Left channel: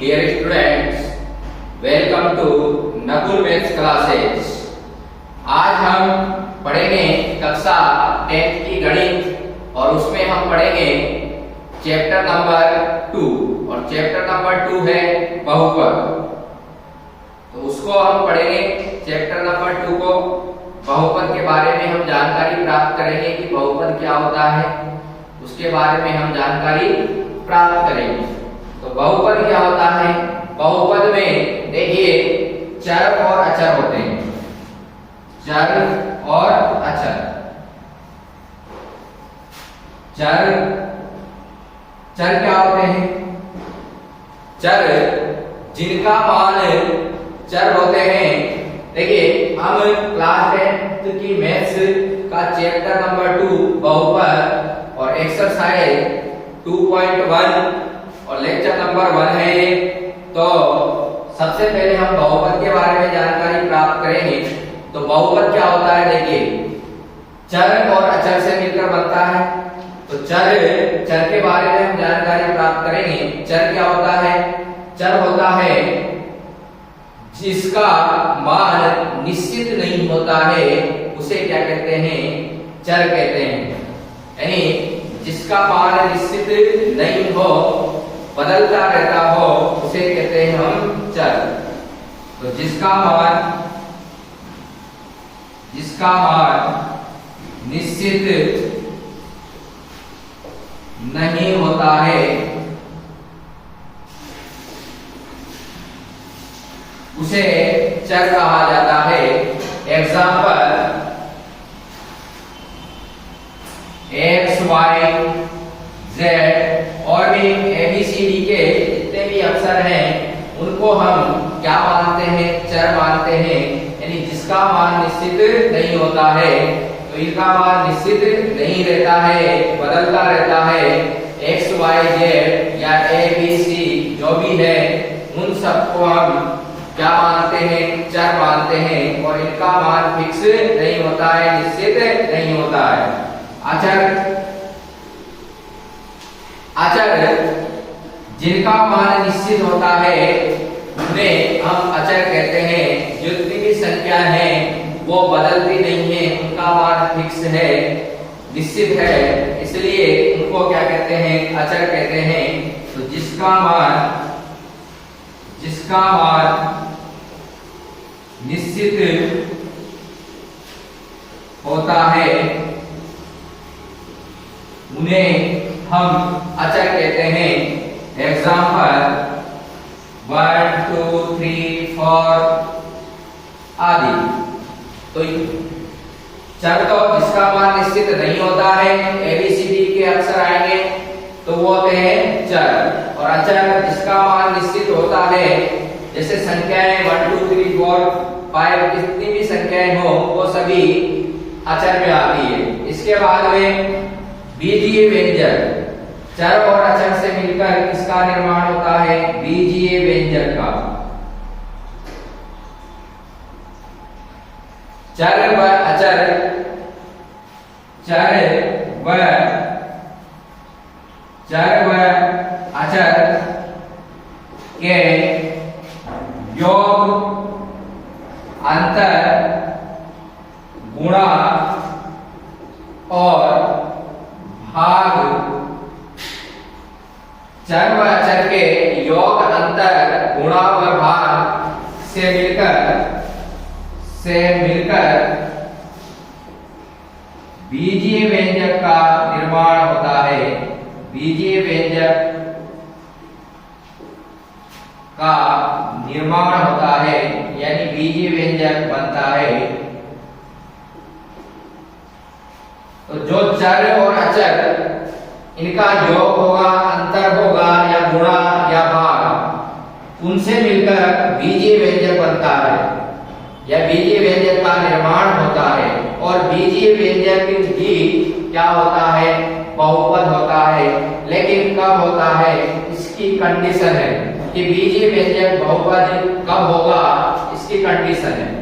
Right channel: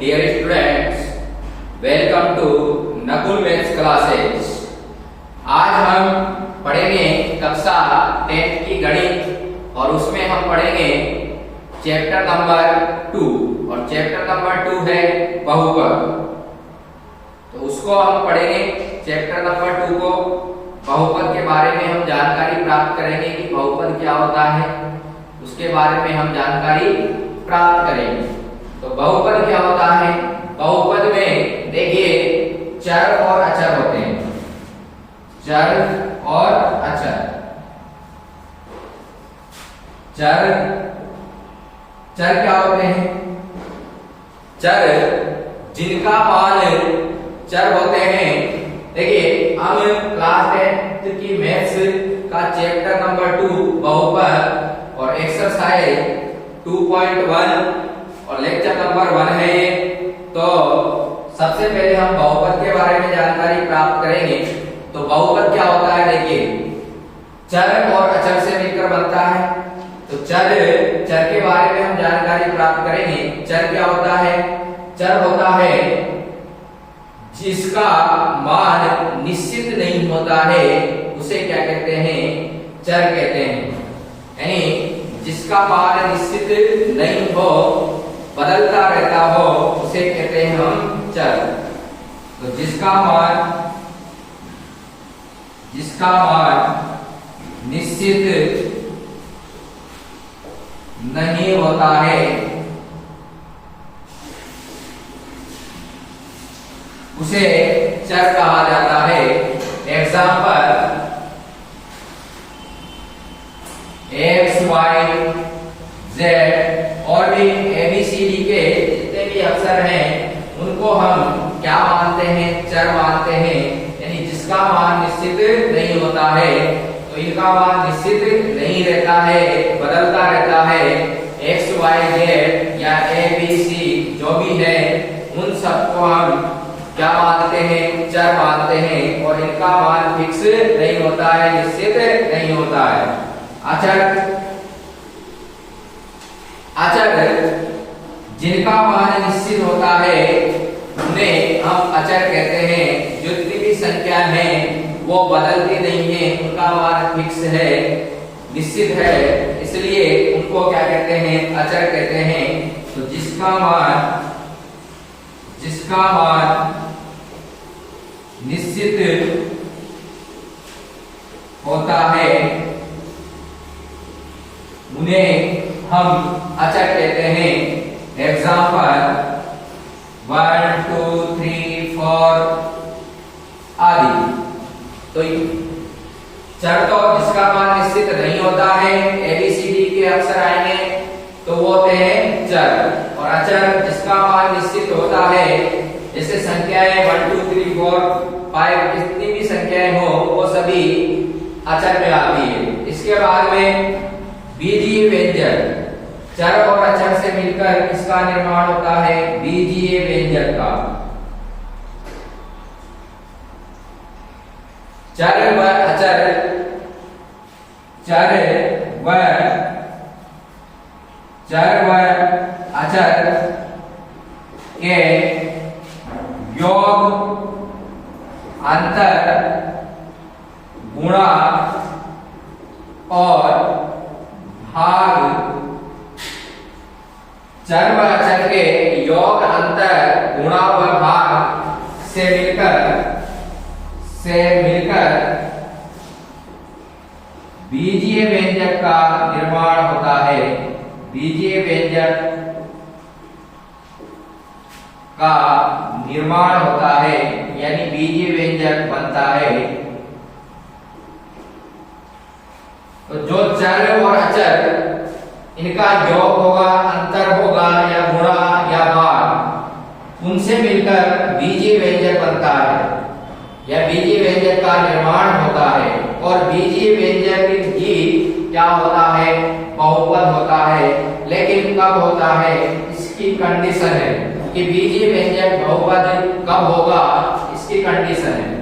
dear students, welcome to Nakul maths classes. आज हम पढ़ेंगे कक्षा 10 की गणित और उसमें हम पढ़ेंगे चैप्टर नंबर 2 और चैप्टर नंबर 2 है बहुपद। तो उसको हम पढ़ेंगे चैप्टर नंबर 2 को। बहुपद के बारे में हम जानकारी प्राप्त करेंगे कि बहुपद क्या होता है, उसके बारे में हम जानकारी प्राप्त करेंगे। तो बहुपद क्या होता है? बहुपद में देखिए चर और अचर होते हैं, चर और अचर। चर क्या होते हैं? चर जिनका मान चर होते हैं। देखिए हम क्लास 10 की मैथ्स का चैप्टर नंबर 2 बहुपद और एक्सरसाइज 2.1 और लेक्चर नंबर 1 है ये। तो सबसे पहले हम बहुपद के बारे में जानकारी प्राप्त करेंगे। तो बहुपद क्या होता है? देखिए चर और अचर से मिलकर बनता है। तो चर के बारे में हम जानकारी प्राप्त करेंगे। चर क्या होता है? चर होता है जिसका मान निश्चित नहीं होता है, उसे क्या कहते हैं? चर कहते हैं। यानी जिसका मान निश्चित नहीं हो, बदलता रहता हो, उसे कहते हैं हम चर। तो जिसका मान निश्चित नहीं होता है, उसे चर कहा जाता है। एग्जाम्पल एक्स, वाई, जेड और भी ABCD के जितने भी अक्षर हैं उनको हम क्या मानते हैं? चर मानते हैं। यानी जिसका मान निश्चित नहीं होता है, तो इनका मान निश्चित नहीं रहता है, बदलता रहता है। एक्स, वाई, जेड या ABC जो भी है उन सबको हम क्या मानते हैं? चर मानते हैं। और इनका मान फिक्स नहीं होता है, निश्चित नहीं होता है। अचर जिनका मान निश्चित होता है उन्हें हम अचर कहते हैं। जितनी भी संख्या है वो बदलती नहीं है, उनका मान फिक्स है, निश्चित है, इसलिए उनको क्या कहते हैं? अचर कहते हैं। तो जिसका मान निश्चित होता है उन्हें हम अचर कहते हैं। एग्जाम्पल 1, 2, 3, 4 आदि। तो चर तो जिसका मान निश्चित नहीं होता है, ABCD के अक्षर आएंगे तो वो होते हैं चर। और अचर जिसका मान निश्चित होता है, जैसे संख्याएं 1, 2, 3, 4, 5 जितनी भी संख्याएं हो वो सभी अचर में आती है। इसके बाद में बीजीय व्यंजक, चर और अचर से मिलकर किसका निर्माण होता है? बीजीय व्यंजक का। चर व अचर के योग, अंतर, गुणा और भाग। चर व अचर के योग, अंतर, गुणा व भाग से मिलकर बीजीय व्यंजक का निर्माण होता है। बीजीय व्यंजक का निर्माण होता है, यानी बीजीय व्यंजक बनता है। तो जो चर और अचर इनका योग होगा, अंतर होगा या गुणा या भाग, उनसे मिलकर बीजीय व्यंजक बनता है या बीजीय व्यंजक का निर्माण होता है। और बीजीय व्यंजक ही क्या होता है? बहुपद होता है। लेकिन कब होता है? इसकी कंडीशन है कि बीजीय व्यंजक बहुपद कब होगा, इसकी कंडीशन है।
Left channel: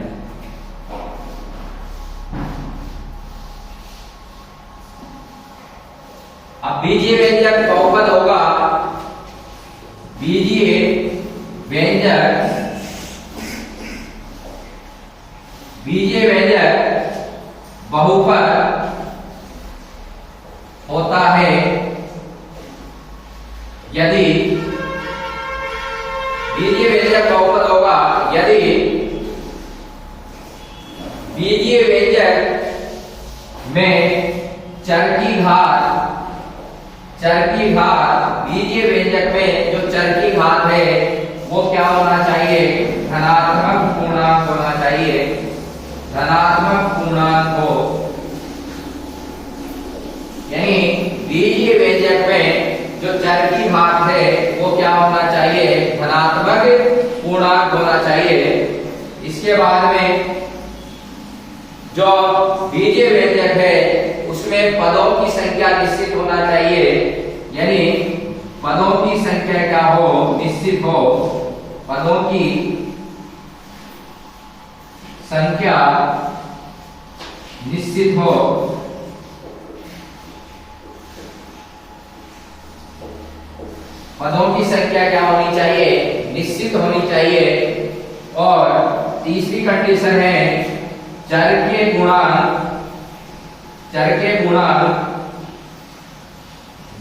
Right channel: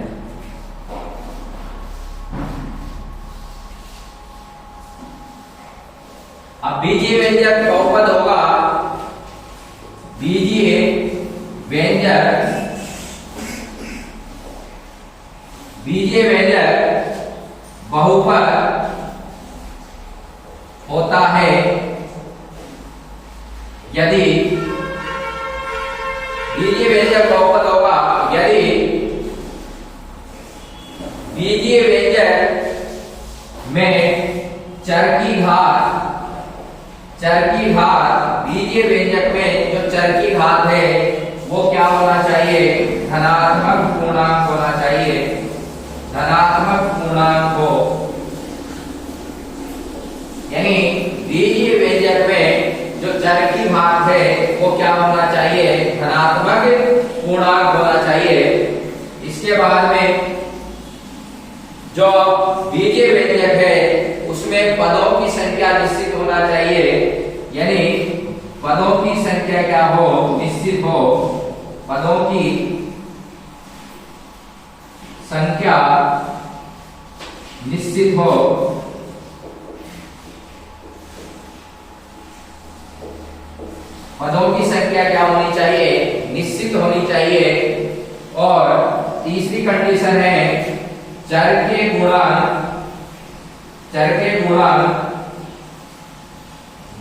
अब बीजीय व्यंजक बहुपद होगा, बीजीय बीजीय व्यंजक बहुपद होता है यदि बीजीय व्यंजक बहुपद होगा यदि बीजीय व्यंजक में चर की घात बीजीय व्यंजक में जो चर की घात है वो क्या होना चाहिए? धनात्मक पूर्णांक होना चाहिए, धनात्मक पूर्णांक हो। यानी बीजीय व्यंजक में जो चर की घात है वो क्या होना चाहिए? धनात्मक पूर्णांक होना चाहिए। इसके बाद में जो बीजीय व्यंजक है उसमें पदों की संख्या निश्चित होना चाहिए, यानी पदों की संख्या क्या हो? निश्चित हो। पदों की संख्या निश्चित हो। पदों की संख्या क्या होनी चाहिए? निश्चित होनी चाहिए। और तीसरी कंडीशन है चर के गुणांक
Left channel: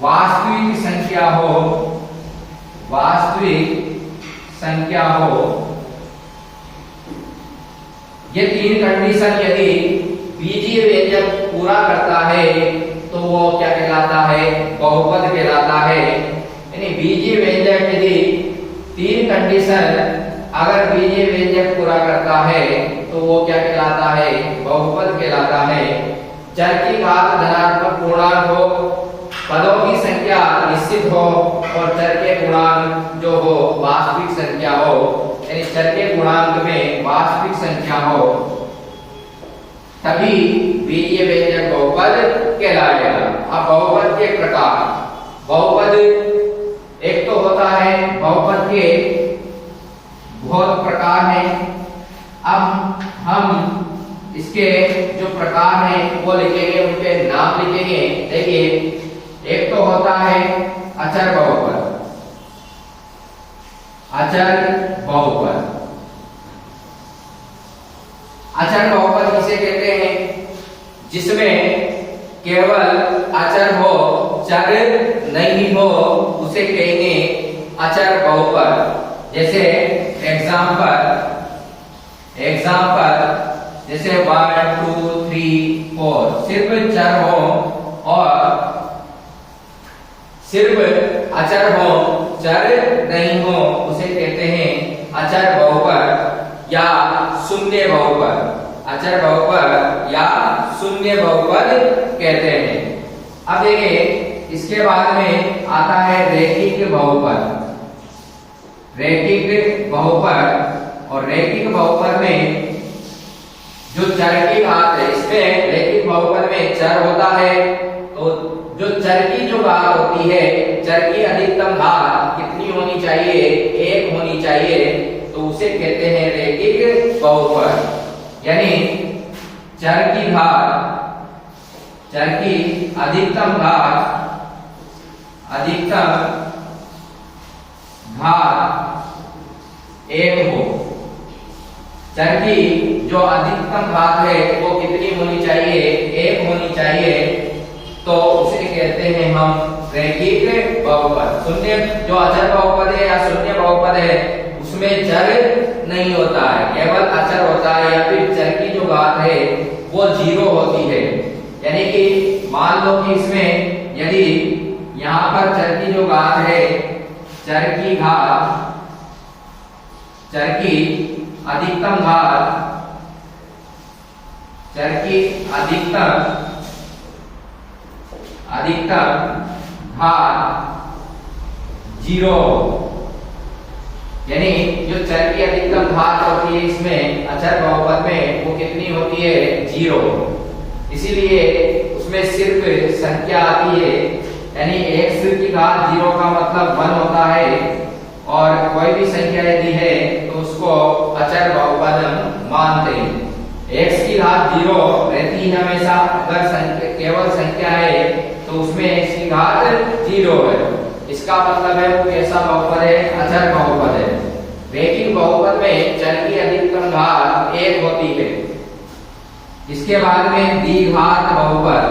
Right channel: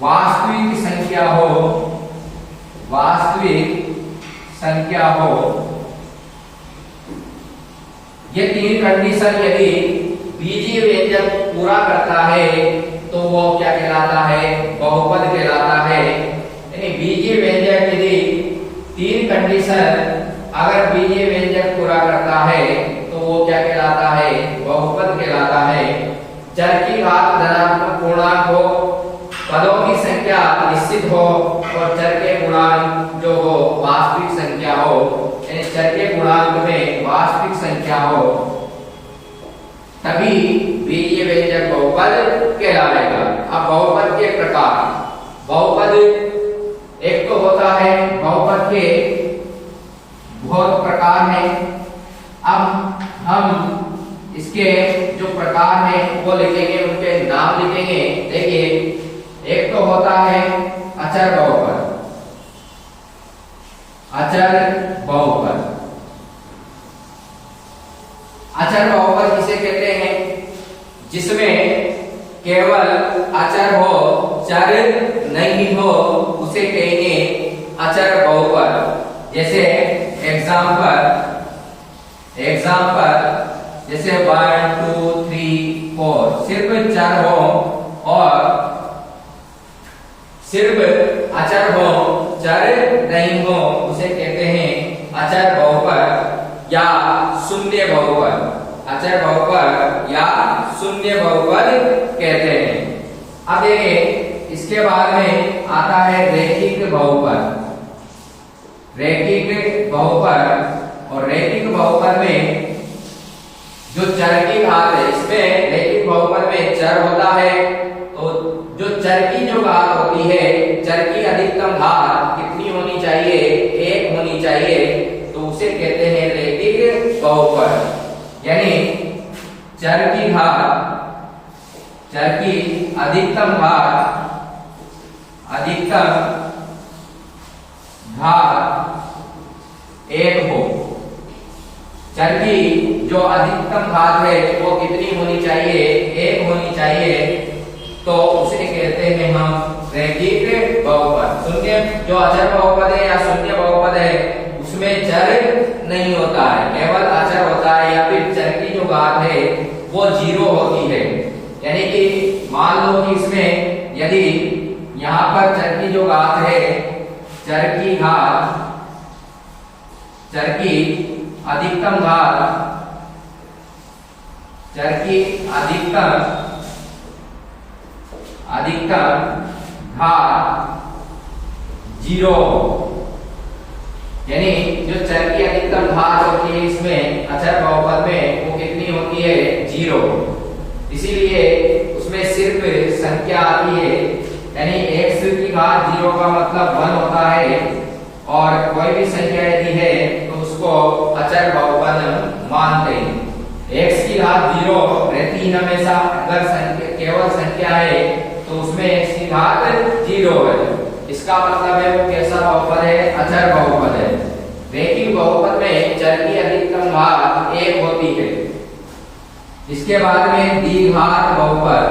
वास्तविक संख्या हो। ये तीन कंडीशन यदि बीजीय व्यंजक पूरा करता है तो वो क्या कहलाता है? बहुपद कहलाता है। यानी बीजीय व्यंजक यदि तीन कंडीशन अगर बीजीय व्यंजक पूरा करता है तो वो क्या कहलाता है? बहुपद कहलाता है। चर की घात धनात्मक पूर्णांक हो, पदों की संख्या निश्चित हो और चर के गुणांक जो हो वास्तविक संख्या हो। यानी चर के गुणांक में वास्तविक संख्या हो तभी बीजीय व्यंजक बहुपद कहलाएगा। अब बहुपद के प्रकार, बहुपद एक तो होता है, बहुपद के बहुत प्रकार हैं। अब हम इसके जो प्रकार हैं वो लिखेंगे, उनके नाम लिखेंगे। देखिए, एक तो होता है अचर बहुपद। अचर बहुपद किसे कहते हैं? जिसमें केवल अचर हो, चर नहीं हो, उसे कहेंगे अचर बहुपद। जैसे एग्जाम्पल जैसे 1 2 3 4 सिर्फ चर हो और सिर्फ अचर हो, चर नहीं हो, उसे कहते हैं अचर बहुपद या शून्य बहुपद। अचर बहुपद या शून्य बहुपद कहते हैं। अब देखिए, इसके बाद में आता है रैखिक बहुपद। रैखिक बहुपद, और रैखिक बहुपद में जो चर की घात है, इसमें रैखिक बहुपद में चर होता है तो जो चर की जो घात होती है, चर की अधिकतम घात कितनी होनी चाहिए? 1 होनी चाहिए, तो उसे कहते हैं रैखिक बहुपद। यानी चर की अधिकतम घात 1 हो। चर की जो अधिकतम घात है वो कितनी होनी चाहिए? 1 होनी चाहिए, तो उसे कहते हैं हम रैखिक बहुपद। शून्य जो अचर बहुपद है या शून्य बहुपद है उसमें चर नहीं होता है, केवल अचर होता है, या फिर चर की जो घात है वो 0 होती है। यानी कि मान लो कि इसमें यदि यहाँ पर चर की जो घात है, चर की अधिकतम घात 0, यानी जो चर की अधिकतम घात होती है इसमें अचर बहुपद में वो कितनी होती है? 0। इसीलिए उसमें सिर्फ संख्या आती है, यानी x की घात 0 का मतलब 1 होता है, और कोई भी संख्या यदि है तो उसको अचर बहुपद मानते हैं। x की घात 0 रहती है हमेशा, अगर केवल संख्या है तो उसमें x की घात 0 है। इसका मतलब है वो कैसा बहुपद है? अचर बहुपद है। रैखिक बहुपद में चर की अधिकतम घात 1 होती है। इसके बाद में द्विघात बहुपद,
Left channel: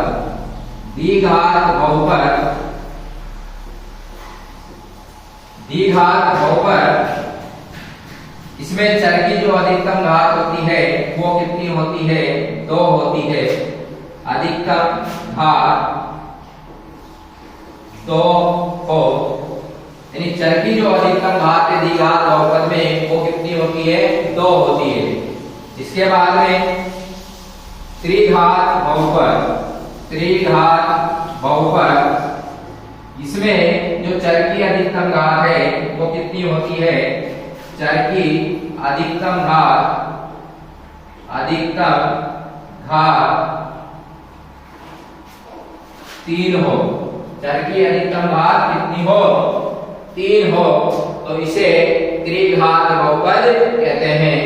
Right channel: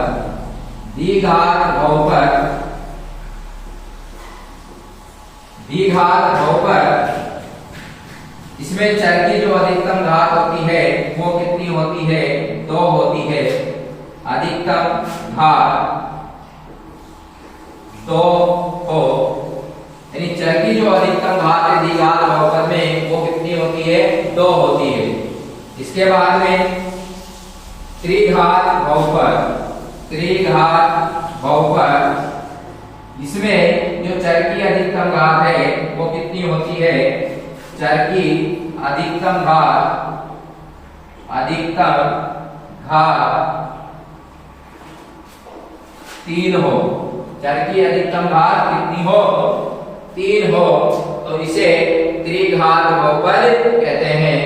द्विघात बहुपद, द्विघात बहुपद, इसमें चर की जो अधिकतम घात होती है वो कितनी होती है? 2 होती है। अधिकतम घात 2 हो, यानी चर की जो अधिकतम घात है द्विघात बहुपद में वो कितनी होती है? 2 होती है। इसके बाद में त्रिघात बहुपद, त्रिघात बहुपद, इसमें जो चर की अधिकतम घात है वो कितनी होती है? चर की अधिकतम घात, अधिकतम घात 3 हो। चर की अधिकतम घात कितनी हो? 3 हो, तो इसे त्रिघात बहुपद कहते हैं।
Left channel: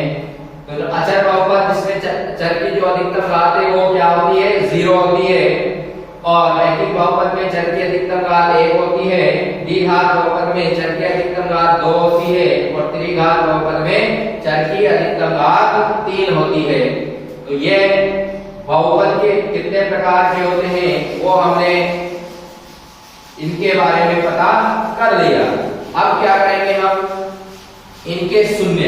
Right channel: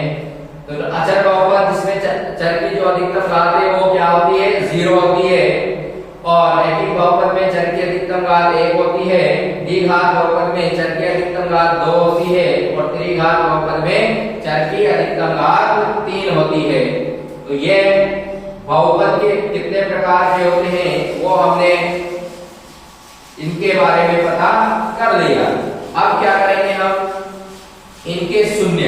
तो अचर बहुपद जिसमें चर की जो अधिकतम घात है वो क्या होती है? 0 होती है। और रैखिक बहुपद में चर की अधिकतम घात 1 होती है। द्विघात बहुपद में चर की अधिकतम घात 2 होती है और त्रिघात बहुपद में चर की अधिकतम घात 3 होती है। तो ये बहुपद के कितने प्रकार के होते हैं वो हमने इनके बारे में पता कर लिया। अब क्या करेंगे हम? इनके शून्य,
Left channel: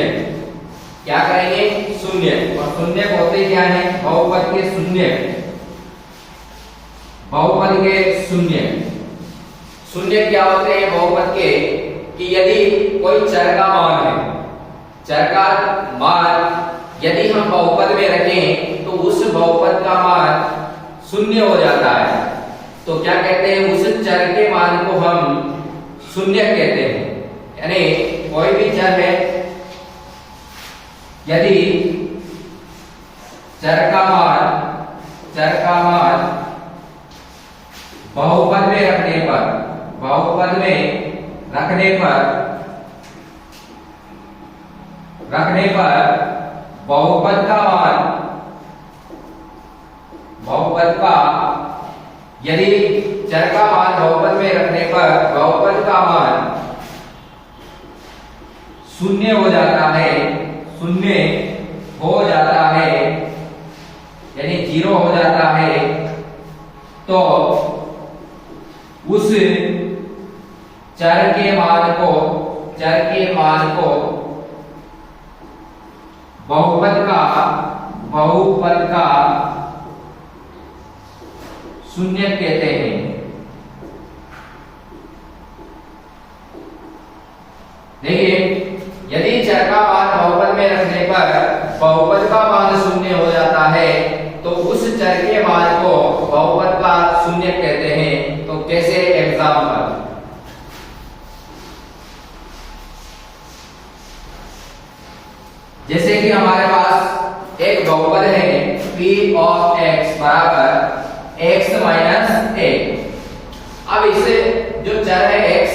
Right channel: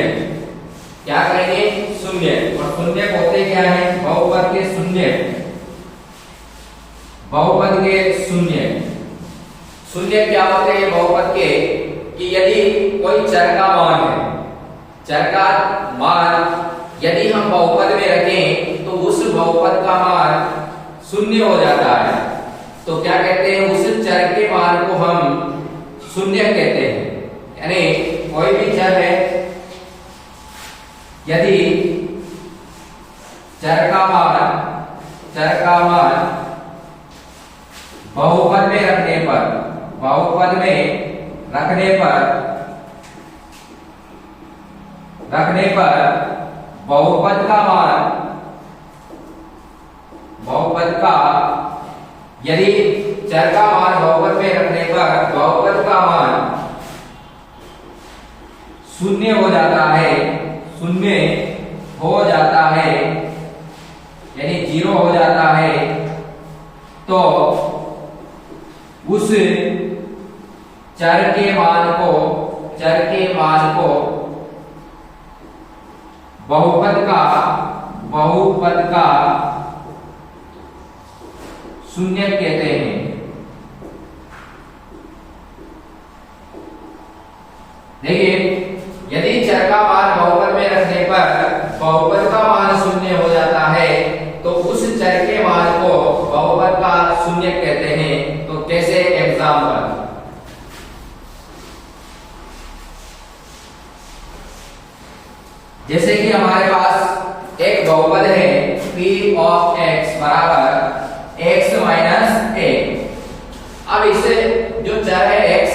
क्या करेंगे? शून्य। और शून्य होते क्या है? बहुपद के शून्य, बहुपद के शून्य। शून्य क्या होते हैं बहुपद के? कि यदि कोई चर का मान है, चर का मान यदि हम बहुपद में रखें तो उस बहुपद का मान शून्य हो जाता है। तो क्या कहते हैं? उस चर के मान को हम शून्य कहते हैं। यानी कोई भी चर है, यदि चर का मान बहुपद में रखने पर, बहुपद में रखने पर बहुपद का मान, बहुपद का, यदि चर का मान बहुपद में रखने पर बहुपद का मान शून्य हो जाता है, शून्य हो जाता है, यानी 0 हो जाता है, तो उस चर के मान को बहुपद का शून्य कहते हैं। देखिए, यदि चर का मान बहुपद में रखने पर बहुपद का मान शून्य हो जाता है तो उस चर के मान को बहुपद का शून्य कहते हैं। तो कैसे? एग्जाम्पल, जैसे कि हमारे पास एक बहुपद है p ऑफ x बराबर x माइनस a। अब इसे जो चर है x,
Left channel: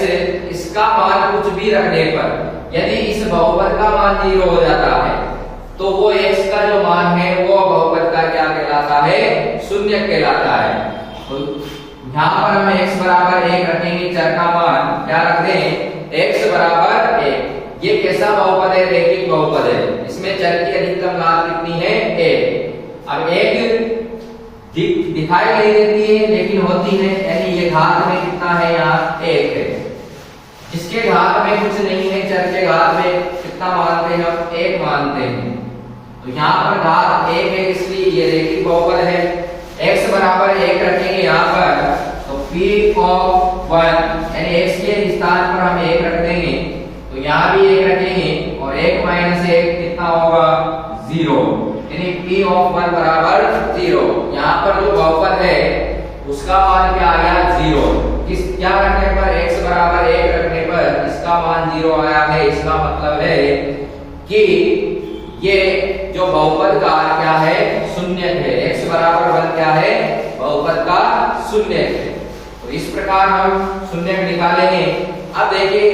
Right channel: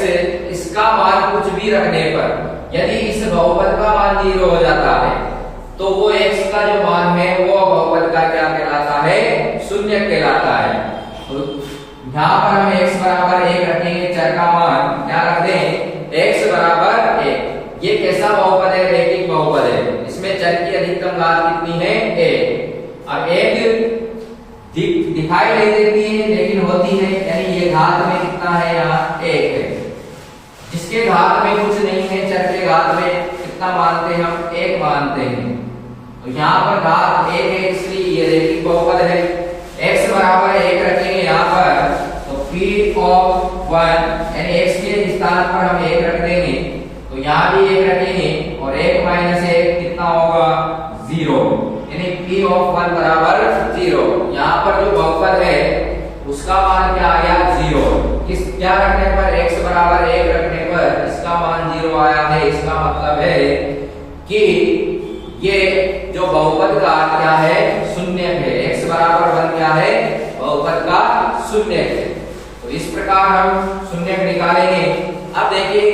इसका मान कुछ भी रखने पर यदि इस बहुपद का मान 0 हो जाता है तो वो x का जो मान है वो बहुपद का क्या कहलाता है? शून्य कहलाता है। तो यहाँ पर हम x बराबर 1 रखेंगे, चर का मान क्या रख दें? x बराबर 1। ये कैसा बहुपद है? रैखिक बहुपद है। इसमें चर की अधिकतम घात कितनी है? 1। अब 1 दिखाई नहीं देती है लेकिन होती है, यानी ये घात में कितना है? यहाँ 1 है। जिसके घात में कुछ नहीं है, चर के घात में कितना मानते हैं हम? 1 मानते हैं। तो यहाँ पर घात 1 है, इसलिए ये रैखिक बहुपद है। x बराबर 1 रखेंगे यहाँ पर, तो p ऑफ 1 यानी x के स्थान पर हम 1 रख देंगे, तो यहाँ भी 1 रखेंगे और 1 माइनस 1 कितना होगा? 0, यानी p ऑफ 1 बराबर 0। यहाँ पर जो बहुपद है उसका मान क्या आ गया? 0। इस क्या रखने पर? x बराबर 1 रखने पर इसका मान 0 आया है। इसका मतलब है कि ये जो बहुपद का क्या है? शून्य है। x बराबर 1 क्या है? बहुपद का शून्य है। तो इस प्रकार हम शून्य निकालेंगे। अब देखिए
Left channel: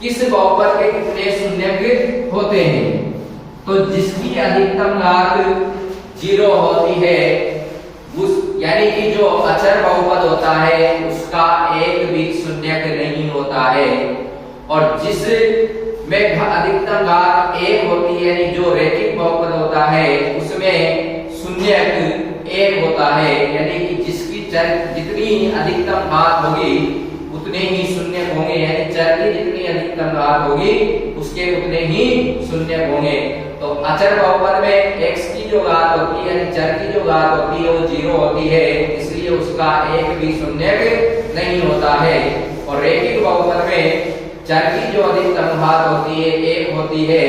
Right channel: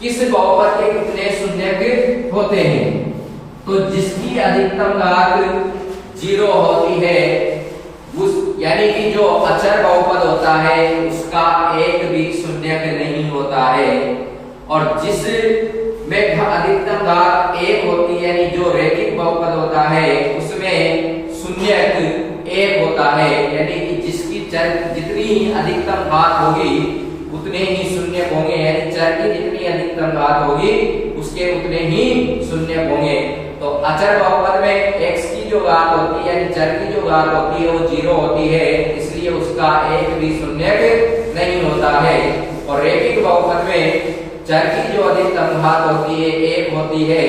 किस बहुपद के कितने शून्य होते हैं। तो जिसकी अधिकतम घात 0 होती है, उस यानी कि जो अचर बहुपद होता है उसका एक भी शून्य नहीं होता है। और जिस में अधिकतम घात 1 होती है, यानी जो रैखिक बहुपद होता है उसमें शून्यक 1 होता है, यानी कि जिसकी चर जितनी अधिकतम घात होगी उतने ही शून्यक होंगे, यानी चर की जितनी अधिकतम घात होगी उसके उतने ही शून्यक होंगे। तो अचर बहुपद में x की जो घात होती है, यानी चर की जो घात होती है वो 0 होती है, इसलिए उसका एक भी शून्यक नहीं होता है। और रैखिक बहुपद में चर की जो अधिकतम घात होती है 1 होती है,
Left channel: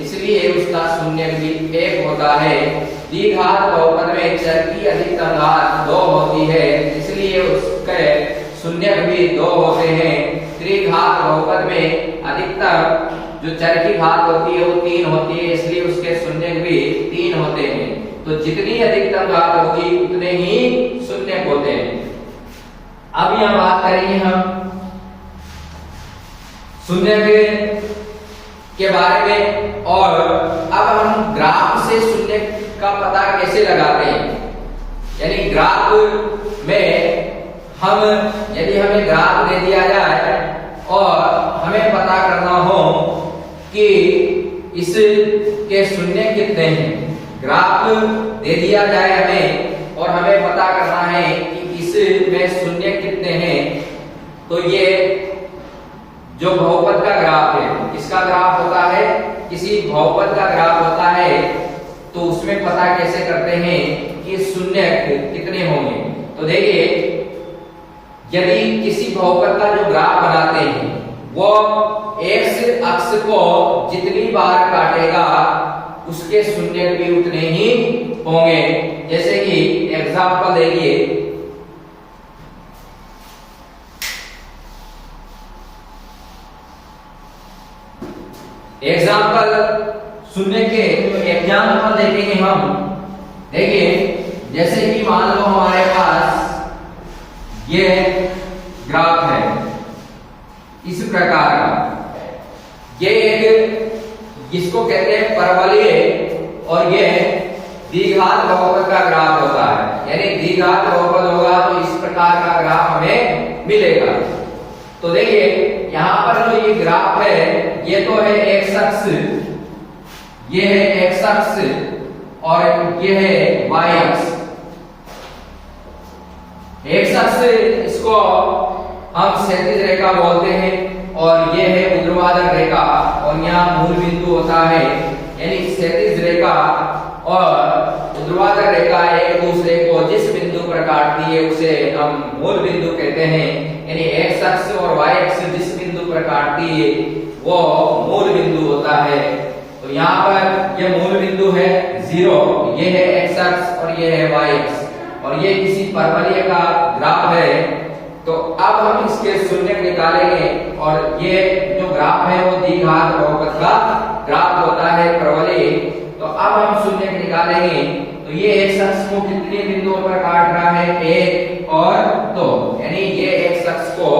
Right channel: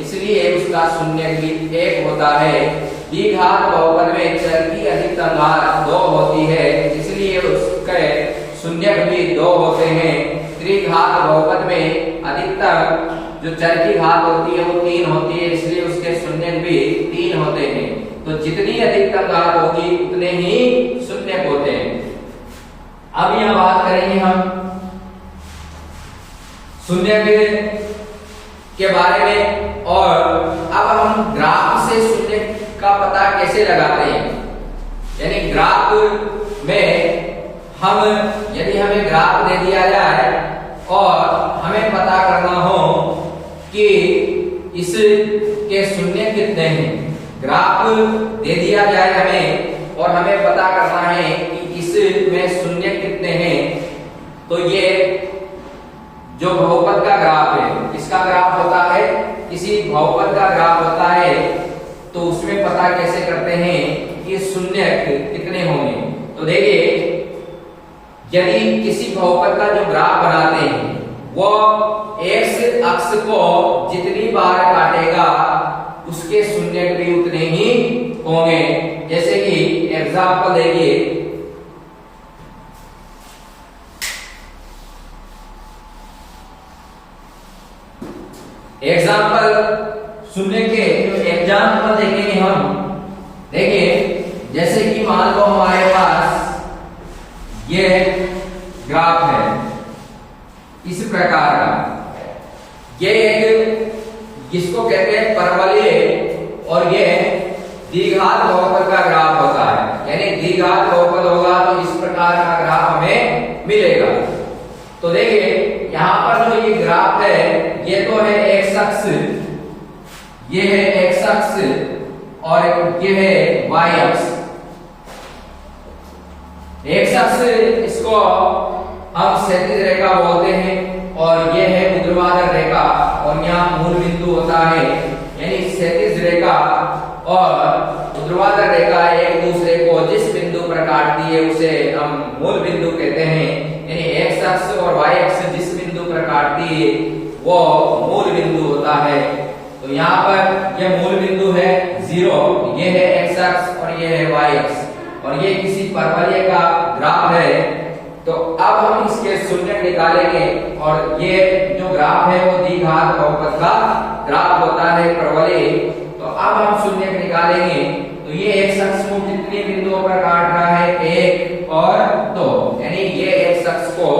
इसलिए उसका शून्यक भी 1 होता है। द्विघात बहुपद में चर की अधिकतम घात 2 होती है, इसलिए उसके शून्यक भी 2 होते हैं। त्रिघात बहुपद में अधिकतम जो चर की घात होती है वो 3 होती है, इसलिए उसके शून्यक भी 3 होते हैं। तो जितनी अधिकतम घात होगी उतने ही शून्यक होते हैं। अब यहां बात करेंगे हम शून्यक के बारे में, और अब हम ग्राफ से शून्यक का पता कैसे लगाते हैं। यानी ग्राफ में हम यदि हमें ग्राफ दे दिया जाए और हमें पता करना हो कि इसके शून्य कितने हैं, ग्राफ दे दिया जाए हमें और हमें पता करना है कि इसमें शून्य कितने हैं, तो ये जो बहुपद का ग्राफ है, किसका ग्राफ होता है, किसी बहुपद का ग्राफ होता है, तो उसमें पता कैसे करते हैं कि शून्य कितने होंगे। तो देखिए, यदि किसी बहुपद का जो ग्राफ बनाते हैं वो x अक्ष को जितनी बार काटेगा उसके शून्य भी उतने ही होंगे। जैसे कि एग्जांपल देखिए, शून्य के एग्जांपल देखेंगे हम। देखिए, जैसे कि मान लो हमारे पास ये ग्राफ है इस प्रकार का, ये एक जिसको कहते हैं परवलय और ये द्विघात बहुपद का ग्राफ होता है। यानी द्विघात बहुपद होगा तो इस प्रकार का ग्राफ हमें मिलेगा। तो देखिए, यहां पर जो ये ग्राफ है ये तो है x अक्ष, ये है x अक्ष और ये है y अक्ष। x अक्ष इसको हम क्षैतिज रेखा बोलते हैं और ये है ऊर्ध्वाधर रेखा और यहाँ मूल बिंदु होता है। यानी क्षैतिज रेखा और ऊर्ध्वाधर रेखा एक दूसरे को जिस बिंदु पर काटती है उसे हम मूल बिंदु कहते हैं। यानी x अक्ष और y अक्ष जिस बिंदु पर काटती है वो मूल बिंदु होता है। तो यहाँ पर ये मूल बिंदु है 0, ये है x अक्ष और ये है y अक्ष और ये किसी परवलय का ग्राफ है। तो अब हम इसके शून्यक निकालेंगे और ये जो ग्राफ है वो द्विघात बहुपद का ग्राफ होता है परवलय। तो अब हम शून्यक निकालेंगे। तो ये x अक्ष को कितने बिंदुओं पर काट रहा है, 1 और 2, यानी ये x अक्ष को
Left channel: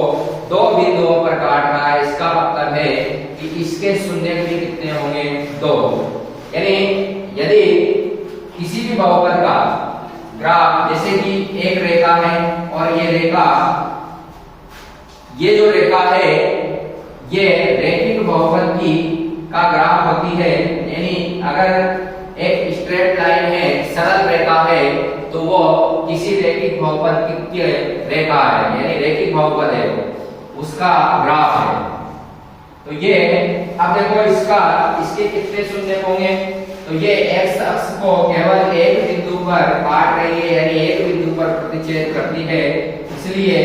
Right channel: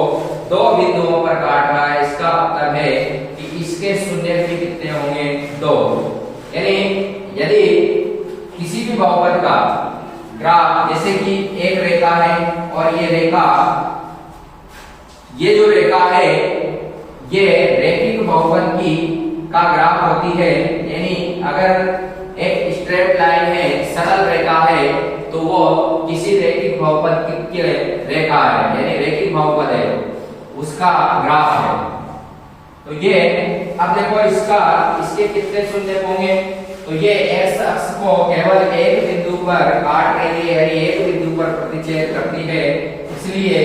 2 बिंदुओं पर काट रहा है। इसका मतलब है कि इसके शून्यक भी कितने होंगे, 2। यानी यदि किसी भी बहुपद का ग्राफ, जैसे कि एक रेखा है और ये रेखा, ये जो रेखा है ये रैखिक बहुपद की का ग्राफ होती है। यानी अगर एक स्ट्रेट लाइन है, सरल रेखा है, तो वो किसी रैखिक बहुपद की रेखा है, यानी रैखिक बहुपद है, उसका ग्राफ है। तो ये अब देखो इसके कितने शून्य होंगे। तो ये x अक्ष को केवल एक बिंदु पर काट रही है, यानी एक बिंदु पर प्रतिच्छेद करती है, इसलिए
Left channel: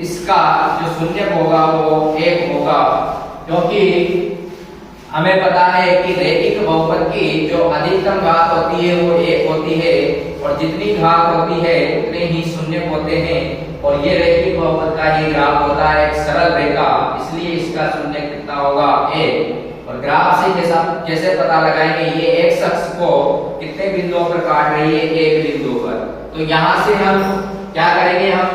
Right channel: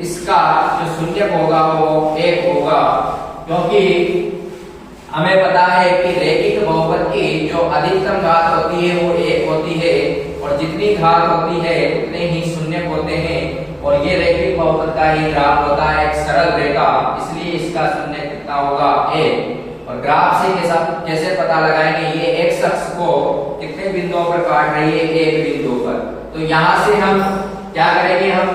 इसका जो शून्य होगा वो 1 होगा। क्योंकि हमें पता है कि रैखिक बहुपद की जो अधिकतम घात होती है वो 1 होती है और जितनी घात होती है उतने ही शून्य होते हैं। और ये रैखिक बहुपद का ही ग्राफ होता है, एक सरल रेखा, इसलिए इसका शून्य कितना होगा, 1। और ग्राफ से कैसे पता लगाएंगे, ये x अक्ष को कितने बिंदुओं पर काट रही है, 1 बिंदु पर। तो यहाँ से हम क्या करेंगे, हम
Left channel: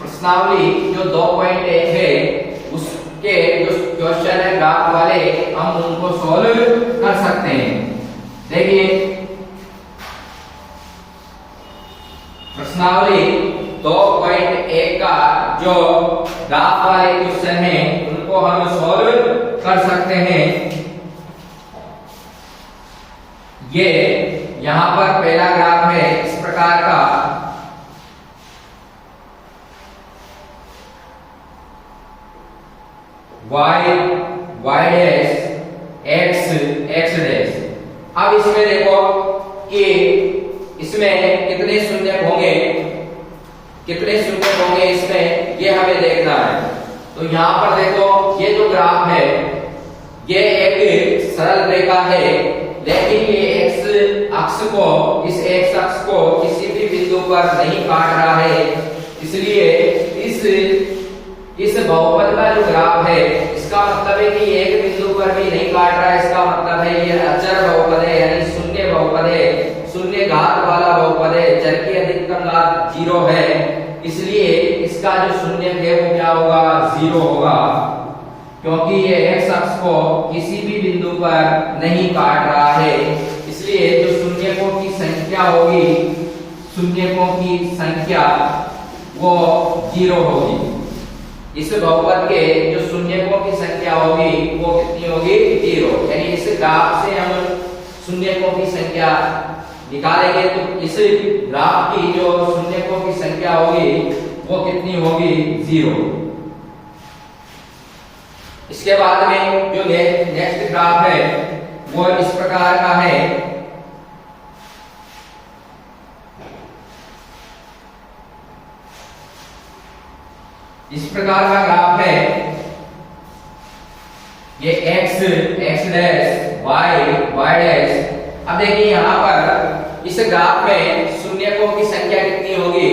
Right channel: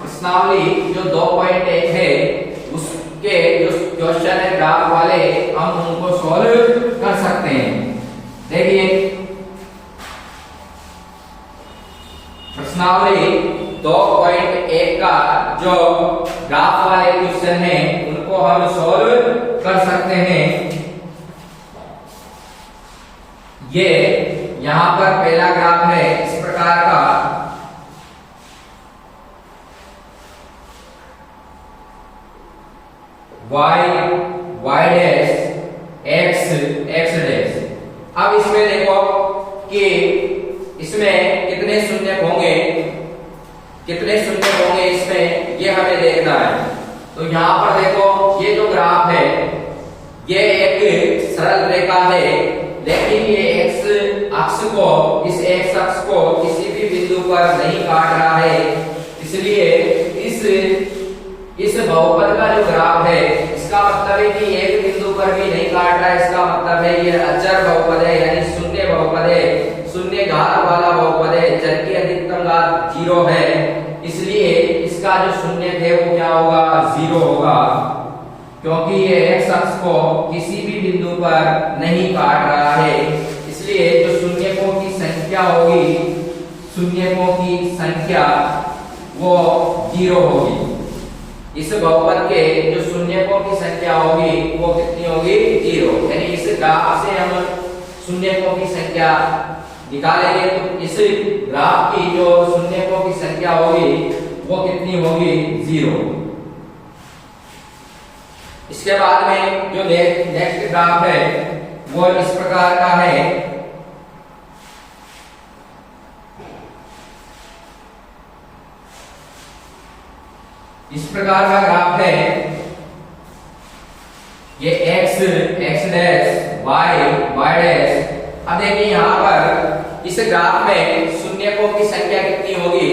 प्रश्नावली जो 2.1 है उसके जो क्वेश्चन है ग्राफ वाले, हम उनको सॉल्व कर सकते हैं। देखिए, प्रश्नावली 2.1 का जो ग्राफ वाले क्वेश्चन है उनको हम सॉल्व कर सकते हैं। ये यहां पर पहला ग्राफ है इस प्रकार का, y डैश x डैश। अब इसमें देखो कि इसमें कितने शून्य होंगे, इसमें ये हमें देखना है। तो यहाँ पर देखो ये जो ग्राफ है ये एक सरल रेखा है, लेकिन ये x अक्ष को किसी भी बिंदु पर नहीं काट रहा है, इसलिए इस बहुपद का जो ग्राफ है इसका मतलब है कि एक बिंदु पर भी नहीं काट रहा है। इसका मतलब है ये अचर बहुपद है, यानी शून्य बहुपद है, शून्य घात वाला बहुपद है, चर की अधिकतम घात 0 है, इसलिए इसका जो शून्य है वो क्या होगा, 0 होगा, क्योंकि ये x अक्ष को किसी भी बिंदु पर नहीं काट रहा है। इसलिए जो शून्यकों की संख्या होगी, वो 0 होगी। इस बहुपद के जो शून्यकों की संख्या होगी वो कितनी होगी, 0। यानी इस ग्राफ से हम शून्यकों की संख्या निकालेंगे तो इस ग्राफ की जो शून्यकों की संख्या होगी वो कितनी होगी, 0। इसके बाद में जो नेक्स्ट ग्राफ है वो इस प्रकार का है, इस प्रकार का ग्राफ है, ये x डैश y डैश। अब देखिए यहाँ पर इस ग्राफ में शून्यकों की संख्या कितनी होगी,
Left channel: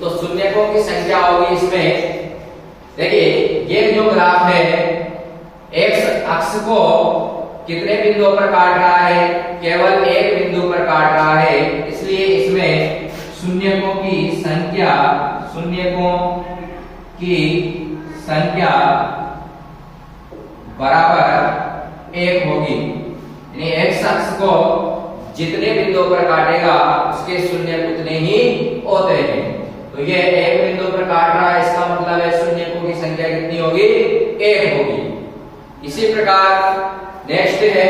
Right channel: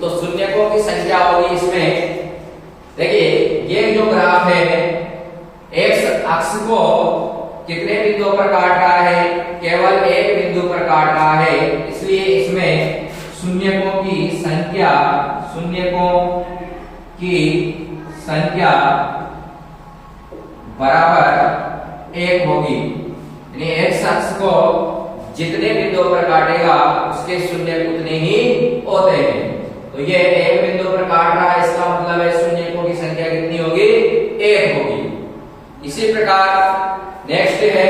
तो शून्यकों की संख्या होगी इसमें, देखिए ये जो ग्राफ है x अक्ष को कितने बिंदुओं पर काट रहा है, केवल एक बिंदु पर काट रहा है, इसलिए इसमें शून्यकों की संख्या बराबर 1 होगी। यानी x अक्ष को जितने बिंदुओं पर काटेगा उसके शून्य उतने ही होते हैं। तो ये एक बिंदु पर काट रहा है, इसका मतलब है शून्यकों की संख्या कितनी होगी, 1 होगी। इसी प्रकार नेक्स्ट है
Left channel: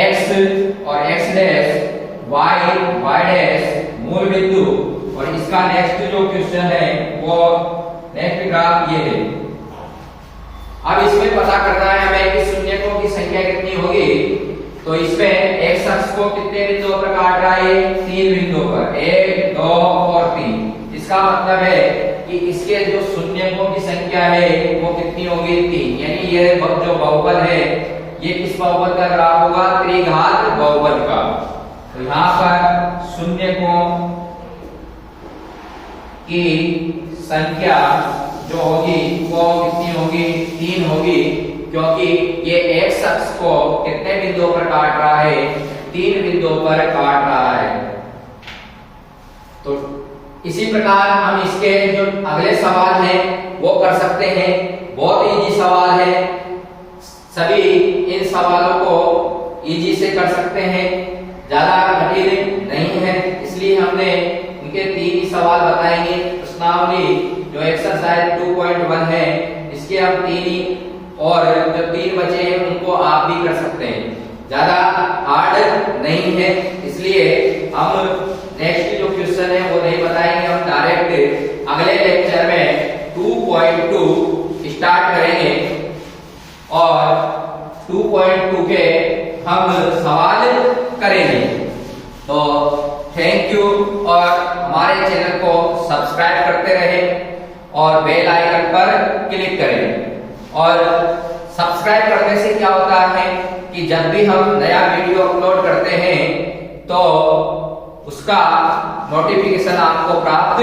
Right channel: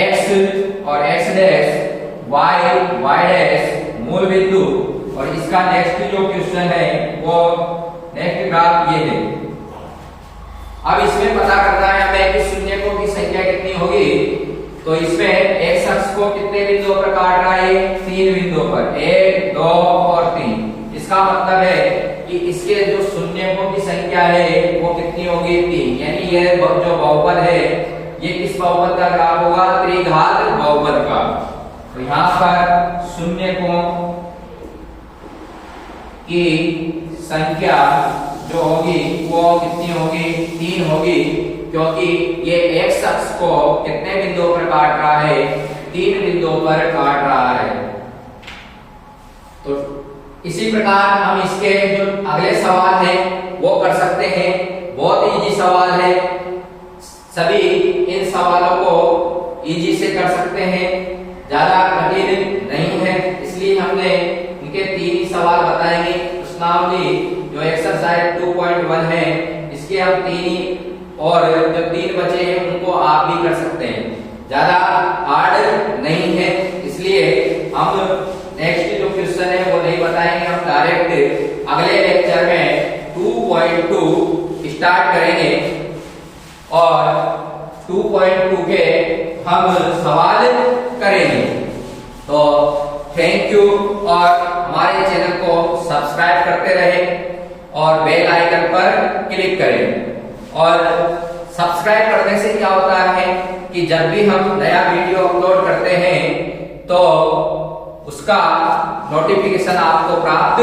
x और x डैश y डैश मूल बिंदु, और इसका नेक्स्ट जो क्वेश्चन है वो नेक्स्ट ग्राफ ये है। अब इसमें पता करना है हमें कि शून्यकों की संख्या कितनी होगी, तो इसमें x अक्ष को कितने बिंदुओं पर काट रहा है, 3 बिंदुओं पर, 1 2 और 3। इसका मतलब है कि इसके जो शून्यकों की संख्या है वो कितनी होगी, 3। यानी ये जो बहुपद है ये किस बहुपद का ग्राफ होगा, त्रिघात बहुपद का। तो यहाँ पर शून्यकों की संख्या जो होगी वो कितनी होगी, 3 होगी, क्योंकि ये x अक्ष को कितने बिंदुओं पर काट रहा है, 3 बिंदुओं पर काट रहा है। तो इसी प्रकार हम इसके जो अगले सवाल हैं वो कर सकते हैं, बहुत इजी सवाल है, सभी इन सवालों को इजी से कर सकते हैं, ज्यादा कठिन नहीं है। इसलिए हमने इनके 3 ही सवाल बताएंगे। प्रश्नावली जो एक्सरसाइज 2.1 है इसके हम 3 ही, और जो 3 बचे हैं उनको आप भी कर सकते हैं, ज्यादा हार्ड नहीं है। इसलिए हम नेक्स्ट जो क्वेश्चन है वो नहीं बताएंगे, हम डायरेक्ट अगले लेक्चर में 2.2 स्टार्ट करेंगे और 2.2 के हम सवाल करेंगे। तो थैंक यू, और हमारे चैनल को सब्सक्राइब करते रहें और बेल आइकन पर क्लिक करें। और सब्सक्राइब करने से क्या होता है कि जब भी हम नया वीडियो अपलोड करते हैं तो उसका नोटिफिकेशन आपको प्राप्त